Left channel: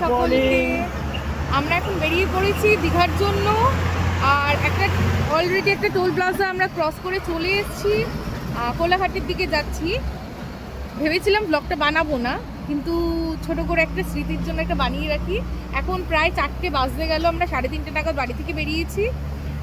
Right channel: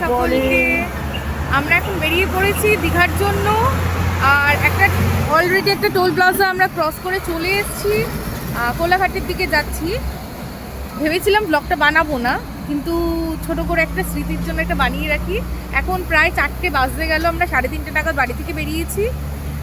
সকলকে। আমরা এখন বেরিয়ে পড়েছি দীঘার জন্য। আর অলরেডি একটা টোল প্লাজা আমরা ক্রস করে চলে এসেছি, কোলাঘাটের দিকে যাচ্ছি। ভেবেছিলাম ব্লগটা বানাবো না, কিন্তু ছোট করে একটা স্মৃতির জন্য একটা বানিয়ে রাখি। এখন প্রায় 4টে বাজতে গেল, আমরা 3:30 নাগাদ বাড়ি থেকে বেরিয়েছি।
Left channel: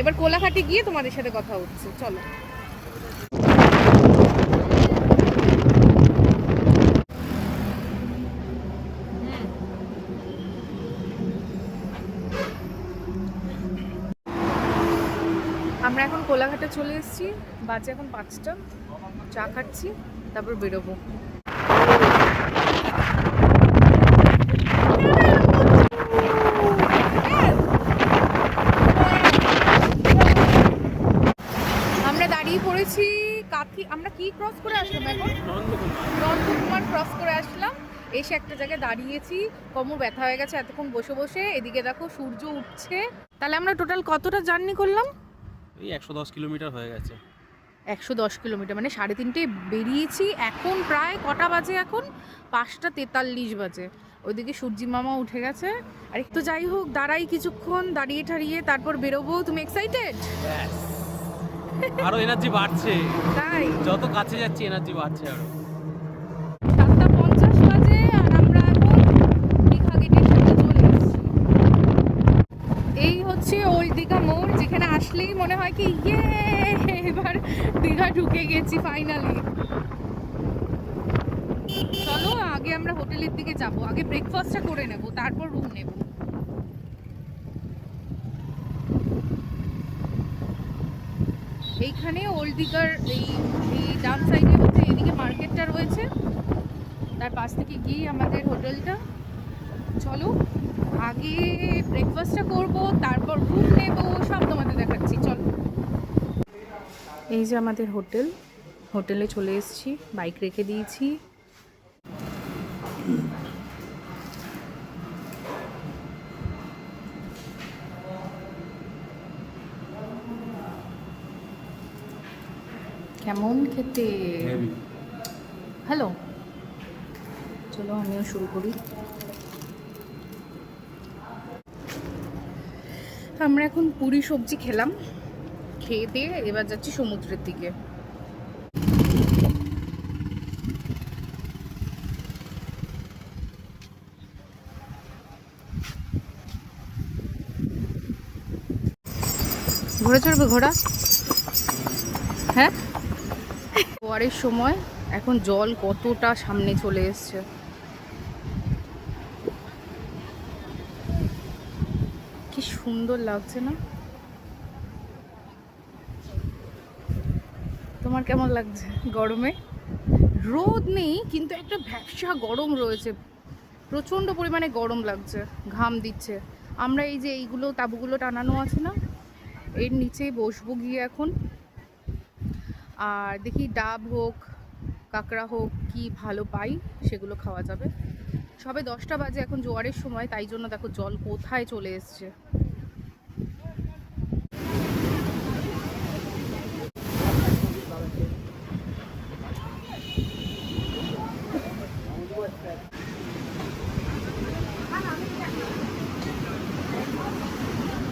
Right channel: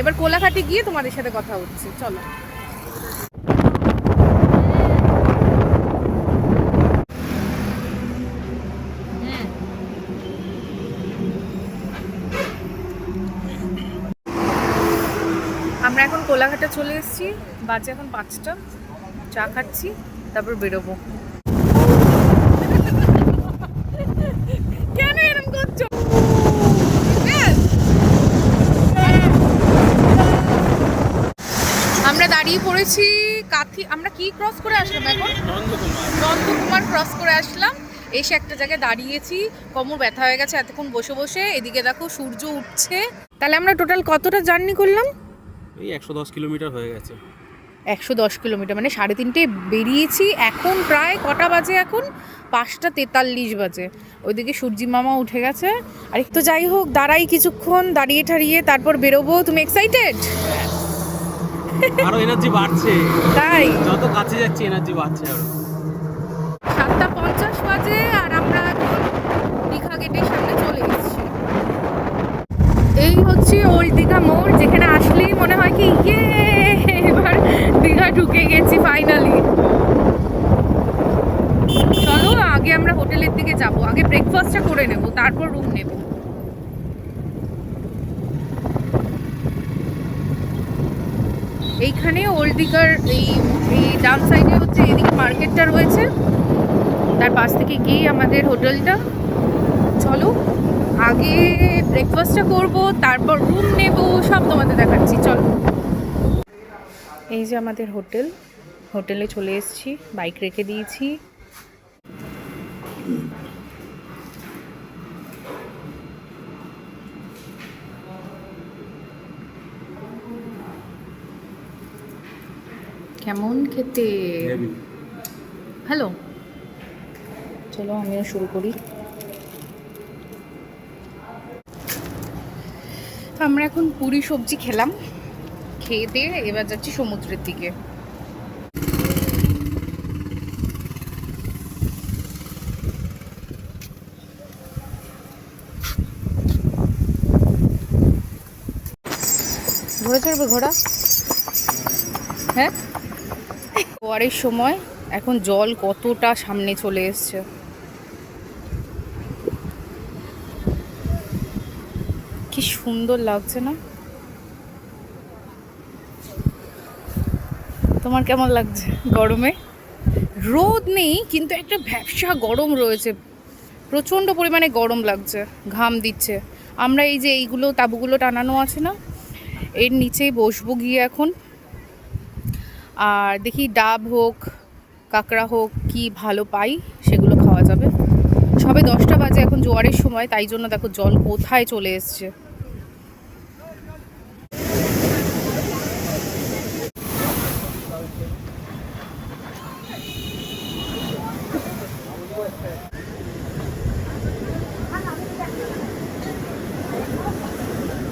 এবার কোলাঘাটে গিয়ে তোমাদের সাথে কথা হচ্ছে, চলো। আমরা এখন কোলাঘাটে চলে এসেছি, বাজে এখন 5টা। চা খাচ্ছি, তারপর বেরোবো। আমরা দাঁড়িয়ে পড়েছি আমরা কি ক্রস করে আসলাম এখন? নন্দকুমার ক্রস করে আসলাম। এসে একটা জায়গায় দাঁড়িয়েছি, কোমর ব্যথা হয়ে গেছে এতক্ষণ বসে বসে। এদিকে দেখো সূর্য উঠছে। তাহলে আমরা টোটাল কতটা জার্নি করলাম? এই 110 কিলোমিটার হয়ে গেছে। 110 কিলোমিটার, মানে 3:30 বেরিয়েছি। এখন প্রায় কটা বাজে? এখন 5:43 বাজে। ওইদিকে সূর্যি মামা উঠে গেছে। আর একটু যাই হোক, দাঁড়াই কিছুক্ষণ, দাঁড়িয়ে ঠাড়িয়ে তারপর বেরোবো। তুমি এক্সাইটেড? আরো এনার্জি বাড়ছে, তাই যত কাছে যাচ্ছে এনার্জি বাড়ছে। 7:50 বাজে আর আমরা এখন দীঘা গেটের সামনে চলে এসেছি। এই হচ্ছে ওল্ড দীঘা মোড়, যেখানে আসলেই মনে হয় কি এবার দীঘা ঢুকে গেছি ফাইনালি। চলো আগে আমরা হোটেলের দিকে যাব, আগে ব্রেকফাস্টটা করে নেব, তারপর রুম নেব। এইখানে ওল্ড দীঘার এই ডান সাইডে হচ্ছে এদিকে মার্কেটটা রয়েছে, তার পাশ থেকে গিয়ে আমাদের হোটেলটা। চলো আগে ব্রেকফাস্টটা করব, তারপর রুম নেব, সব তোমাদের দেখাচ্ছি। চলো, এই যে আমাদের হোটেলে চলে এসেছি, বাইক রেখে দিয়েছি। কেমন খেতে? হ্যালো, চলো আমিও শুরু করি। আমরা এখন পুরি সবজি খেলাম, খেয়ে দিয়ে এবার যাচ্ছি সমুদ্রের দিকে। ঘোড়া চড়বে? ঘোড়া? হ্যাঁ, জোয়ারের সময় এখন জল কতটা সামনে চলে এসছে। কি সুন্দর লাগছে না? তোমার কেমন লাগছে? গরমে রোদ নেই, কিন্তু একটা ভ্যাপসা গরম রয়েছে, প্রচণ্ড পরিমাণে গরম লাগছে, ঘাম দিচ্ছে। আমরা এই যে এইগুলো তাঁবুগুলো টানানো আছে না, এর নিচেই বসবো গিয়ে এখন। আর দেখি ডাব হোক, কাঁকড়া হোক, কি ভালো পাই সেগুলো খাওয়া যাবে। সবে 10টা বাজে, এখন জোয়ারের সময়, তাই জন্য দেখো জল কোথায় চলে এসছে।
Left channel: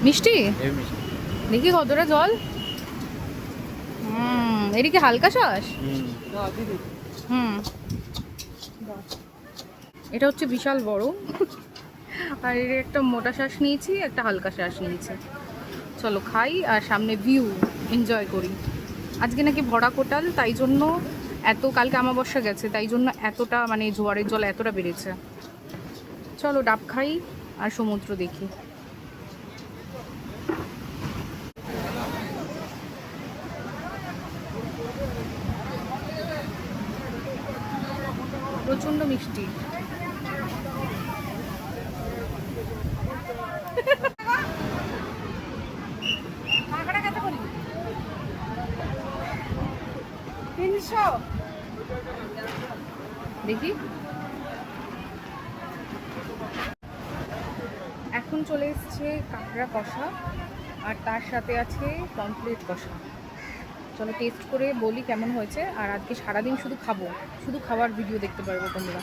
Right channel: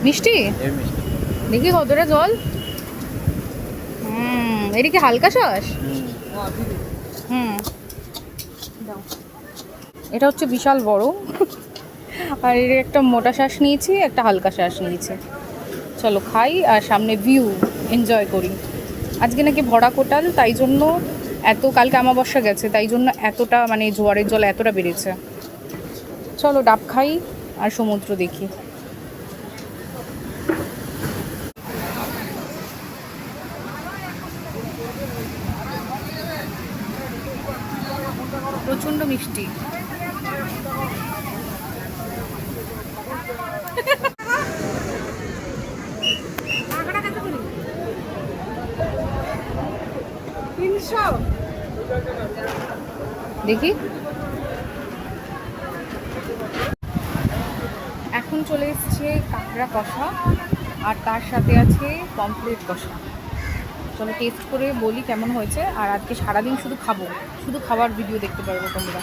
মিষ্টি দেখি কতটা জল। এটা কি হালকা শ্বাস? এটা হচ্ছে বিশাল বড়। আর এর একটা মোটা শ্বাস নিয়েছি, একটা হালকা শ্বাস নিয়েছি। চলো খাই আর সামনে ভিউ এনজয় করি। আজকে নাকি ভরা কোটাল, তাই জন্য কালকে আমাবস্যা গেছে, তাই জন্য এতটা মানে জোয়ারের জল এতটা বেড়েছে। চলো ডাব খাই আর সমুদ্র দেখি। প্রচণ্ড মিষ্টি। দেখি, এখন চলে এসছে কাঁকড়া কষা, আর তার সাথে আছে পমফ্রেট কষা। চলো টেস্ট করে বলি কেমন হয়েছে। আর আজকে সারাদিন শুধু খাবো, শুধু খাবার ভিডিও দেখতে পারবো তোমরা।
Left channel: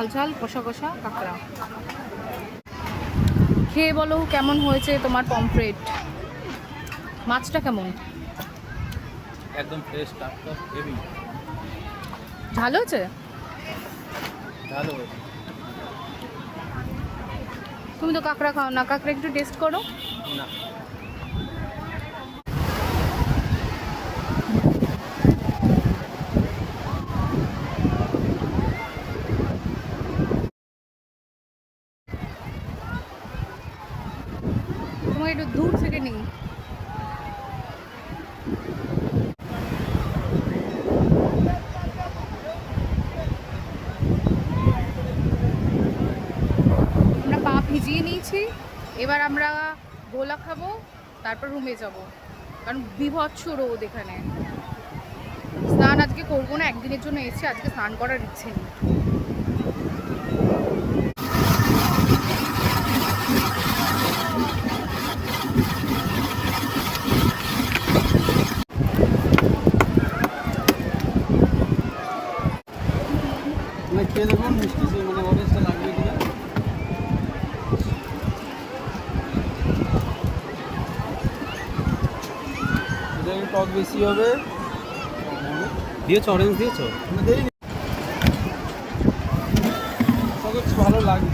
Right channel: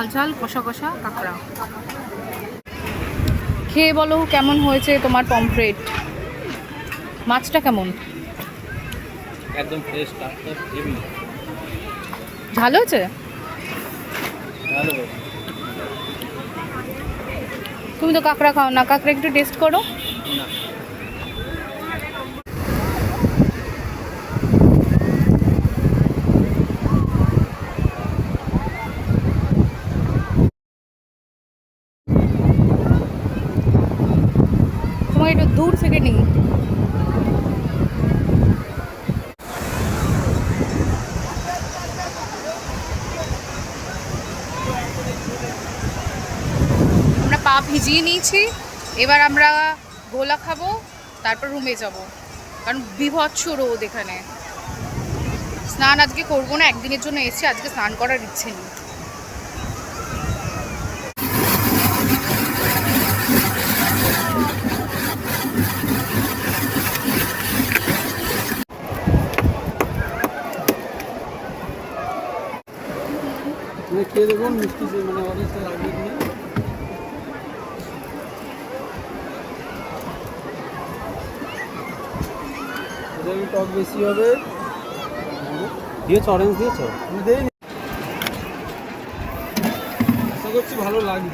ঝাল ঝাল কষা কষা কাঁকড়া। খেয়ে বলো কেমন হয়েছে তোমার পমফ্রেট? মাছটা কেমন? একদম ফ্রেশ টাটকা হেভি ঝাল হয়েছে? ভালো। তুমি তো কাঁকড়া খাও না, কাঁকড়া একটু টেস্ট করো। না তোমাকে একটু দূর থেকে নিই। আমরা পা ভিজিয়ে নিয়েছি, এবার আমরা গোলা খাবো, তারপর রুমে যাব, কারণ বিভৎস রোদ এখানে। স্নান আজকে করবো না, একদিনের জন্য এসেছি, আজকে স্নান করার ইচ্ছে নেই। তুমি খেয়ে দেখুন মিষ্টি সে মানে অনেকটা লাগবে কিনা। যদি টক বেশি হবে দিয়েছ, অরেঞ্জ দিয়েছ, দেই করছি ভালো লাগে।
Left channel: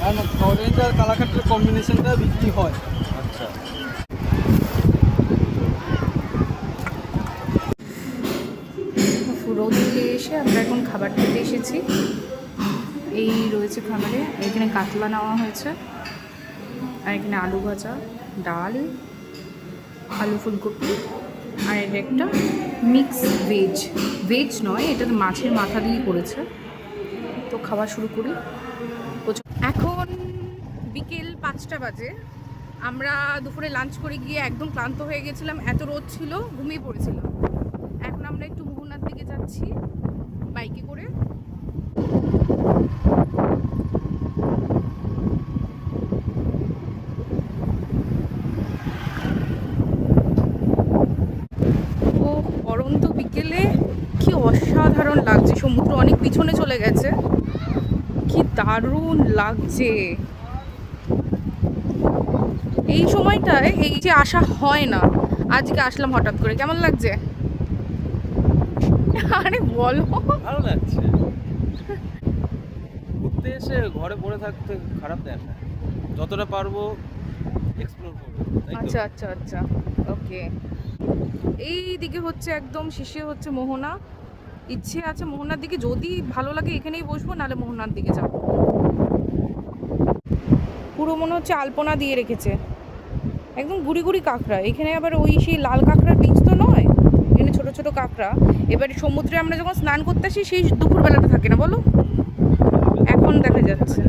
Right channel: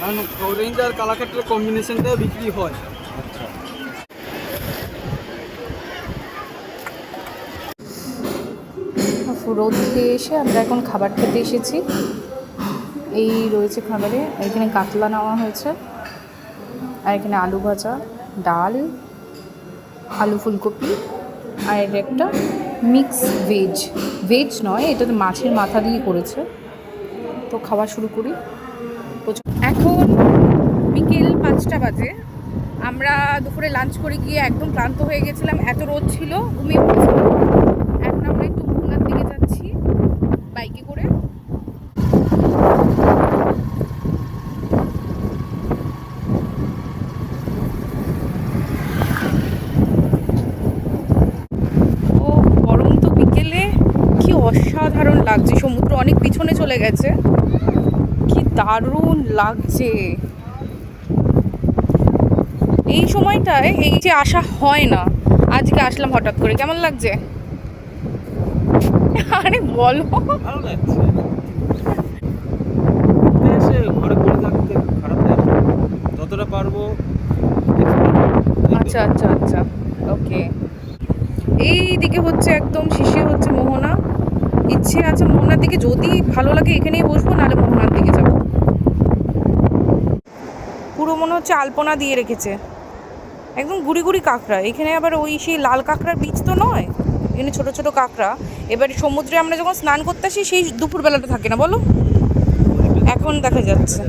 কারণ অরেঞ্জ আর কালাক্ষেত্রের কম্বিনেশনটা বিক্রি হয়। আচ্ছা রোদ দিয়ে এসে আমরা এখন খাবার খেতে এসেছি। এই রয়েছে খাবারে, এখানে কাতলা নেওয়া হয়েছে, আর এখানে আলু ভাজা, ডাল, আলু ফুলকপি, আর এটা একটা মিক্স ভেজ। ভেজ নয়, এটা তো মাছের মাথা দিয়ে করেছে। তো খাওয়া শুরু করি। এখন বিকেল 5টা বাজে। আমরা দুপুরে লাঞ্চ করে গিয়ে একদম ক্লান্ত হয়ে গেছিলাম, এত রোদ ছিল, ঘুমিয়ে পড়েছিলাম। এখন আমরা একটু মোহনার দিকে যাচ্ছি বাইকে করে। ও গরম তো বিকেলে, কি অসাধারণ লাগছে। সমুদ্র অনেক পিছনে চলে গেছে, কি দারুণ লাগছে। এই সময়টায় এই যে আসা হয় না, আজকে আসলাম হঠাৎ করে। কেমন লাগছে? আরে বলো। ভালো লাগছে। এসে ঘরে পড়ে থাকতে খারাপ লাগে, যতটা পারবো। আচ্ছা আচ্ছা আচ্ছা, ওকে। এই দিকে হচ্ছে একদম শেষে হচ্ছে মোহনা। ইচ্ছে আছে মোহনার দিকে, যদি ভালো লাগে এখানেই বসবো, নাহলে মোহনার দিকে যাব। পুরো মনে হচ্ছে আলপনা দিয়ে রেখেছে, একদম গুড়ি গুড়ি কাঁকড়া। এখানে আবার ওই সেই লাল কাঁকড়ার বীজ তো নয়, এখানে ছোট ছোট কাঁকড়া। এবার সমুদ্রে আমরা যখন স্নান করতে আসি সেই দুপুরবেলাতে থাকে না বলো, এখন দেখা যাচ্ছে।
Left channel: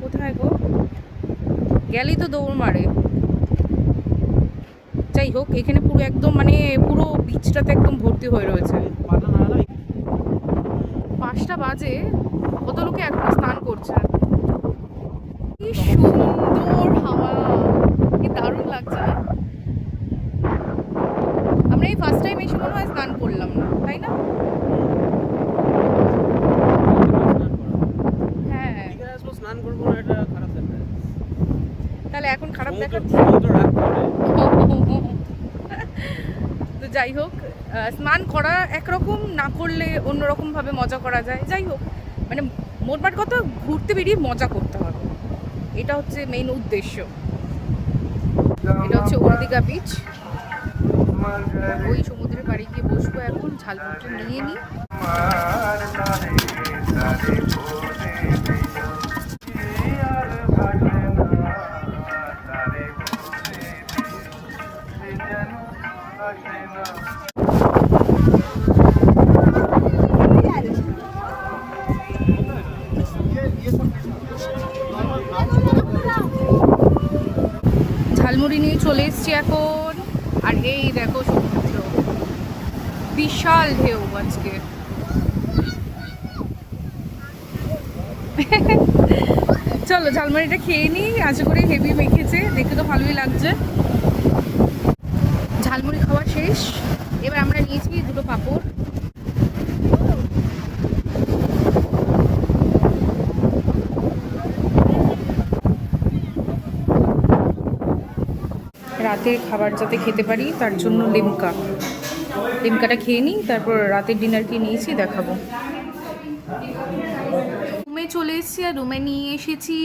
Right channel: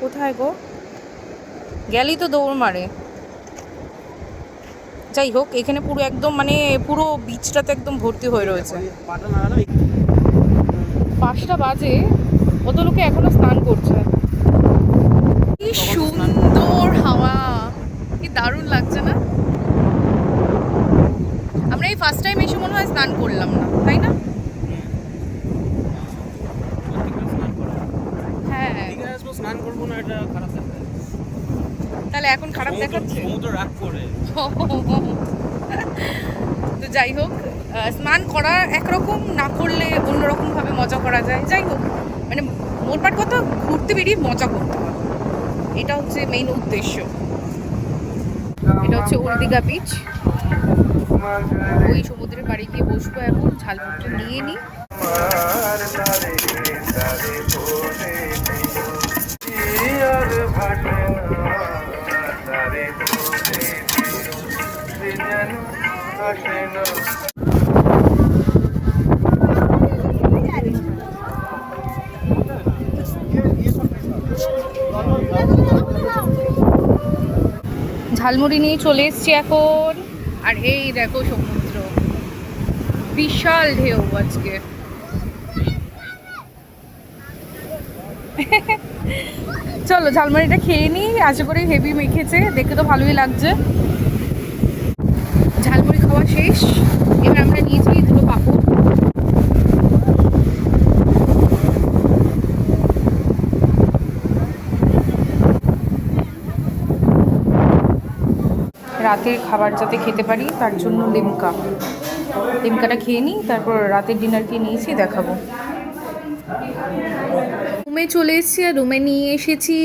কোথায় গো? গেলেই তো দৌড় মারে। যাই হোক, এখানে পুরো একদম মানে পুরো বিচটাতে একদম ভর্তি হয়ে রয়েছে। 5টা বাজে, কত লোকে এখনো স্নান করছে। কি সুন্দর হাওয়া, কি দারুণ লাগছে না? আমরা এই ফার্স্ট টাইম এসে মনে হয় স্নান করলাম না, তাই না? হ্যাঁ, স্নান করবো না, এটা খারাপ দেখায়। তাহলে এখন খারাপ দেখাচ্ছে। সমুদ্র রাগ করে। তো যাই হোক, স্নান করা একরকম, না করলে অন্যরকমভাবে মজা করা যায়। যাই হোক, মানে মোটমাট কথা, ঘুরতে বেরিয়ে মজা করতে হবে, এটা হচ্ছে মেইন উদ্দেশ্য। এটা হচ্ছে ওল্ড দীঘা বিচ। ওই সমুদ্রের বাড়ি গিয়ে বসবো এখন, ঝালমুড়িটা নিয়ে নিই। ঝালমুড়ি নিয়ে চলে এসছি এখন, আর এই দেখো সমুদ্র, বিশাল ঢেউ আজকে। চলো ঝালমুড়িটা খেয়ে নিই, আশা করি হেভি মেখেছে, দেখে তো ভালোই লাগছে। ঝালমুড়ি খাওয়া শেষ, এবার আমরা নিয়েছি দুটো পাঁপড়। রাতের খাবার যাতে খেতে পারি তার জন্য লিমকাটা খেয়ে নিই, তারপর রাতের ডিনার কি নিয়েছি দেখাবো। রুমে চলে এসেছি, আর রুমে নিয়ে এসেছি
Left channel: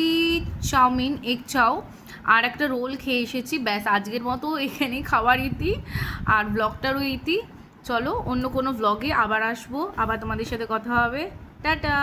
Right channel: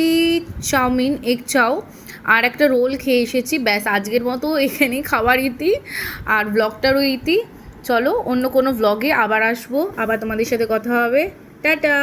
চাউমিন, এগ চাউ আর একটা রোল খেয়ে এসেছি। ব্যাস, আজকের মতো এখানেই খাবার ইতি, আর ব্লগটারও ইতি। চলো অন্য কোনো ব্লগে আবার আসবো, আবার তোমাদের সাথে কথা হবে। টাটা।